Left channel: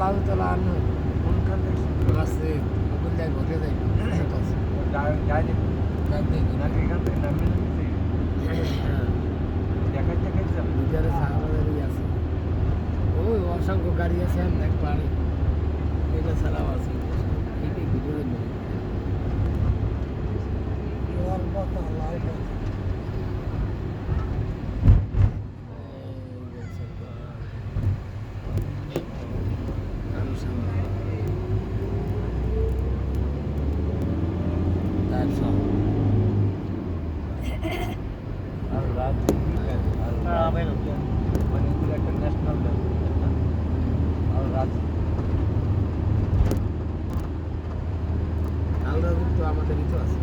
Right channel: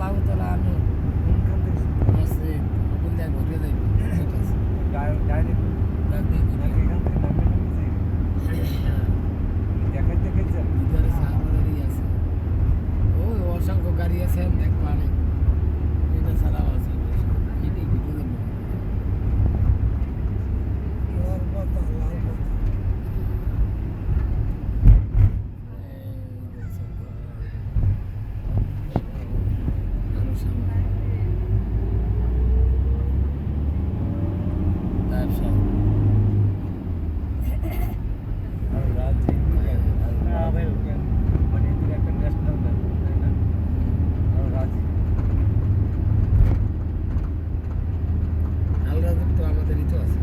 আল্লাহু তাআলা আনহু কোনখান থেকে আছে ওগুলো যাই ভোগে যাই ডাইরেক্ট নাকি এখান থেকে নামিয়ে দেখাই দেখাই ভিতরে সাহাবাদেরই আছে ওই অসংখ্য গাড়ি আছে একবারে এটা ছাড়াও আছে এটাই ভিতরে আর রাত মানে এগুলো একটা ন্যাশনাল ব্যাংক তাই না আর রাত আলরাজুক তো আমাদেরই তো আছে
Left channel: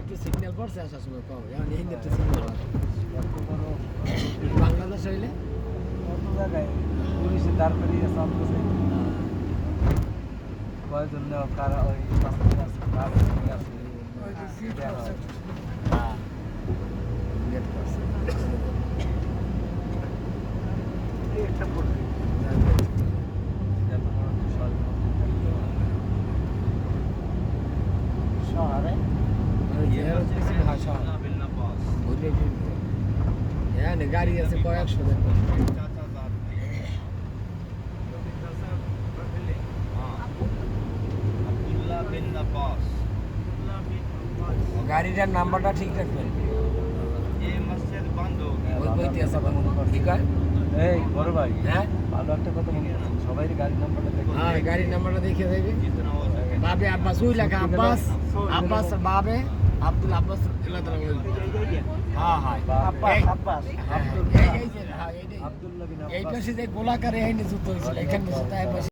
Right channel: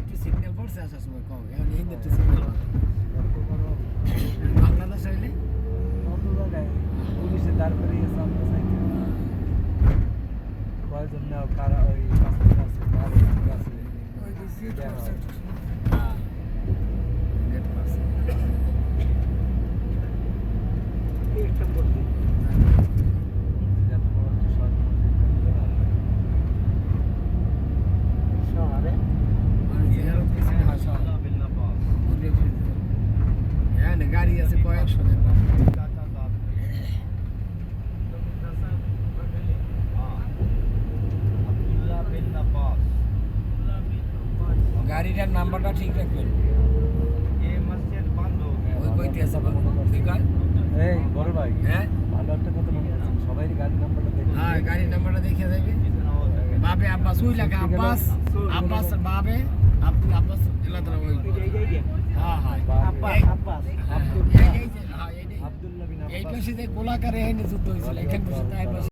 একটু সিগন্যাল পড়ছে আসার সময় কম এখন এই একটু সিগন্যাল বাংলাদেশ হইলে অন্য জায়গায় পুলিশে দাঁড় করিয়ে সামনে সাইডে কয়েকজন নেওয়া কারা ওই পাঁচজন আছে কারো আছে একটা পড়বে শহরে ভাষা হ্যাঁ গাড়ি আছে কয়েকশো গাড়িটার নাম্বারটা ঠিক রাখবেন ওই বইতে আছে ঠিক আছে এই বড় ভাই হ্যাঁ ভালো একটা কথা মনে আছে সবাই গাড়ির নাম্বারটা দেখে হ্যাঁ গাড়ির নাম্বারটা দেখিয়ে দেবে বাবে আব্বাস ওই লাগা আব্বাস আব্বাস বাবে আব্দুল আব্বাস হ্যাঁ হ্যাঁ আব্বাস এই পাশে যে গোলাকারে যুদ্ধ হয়েছিল এখানে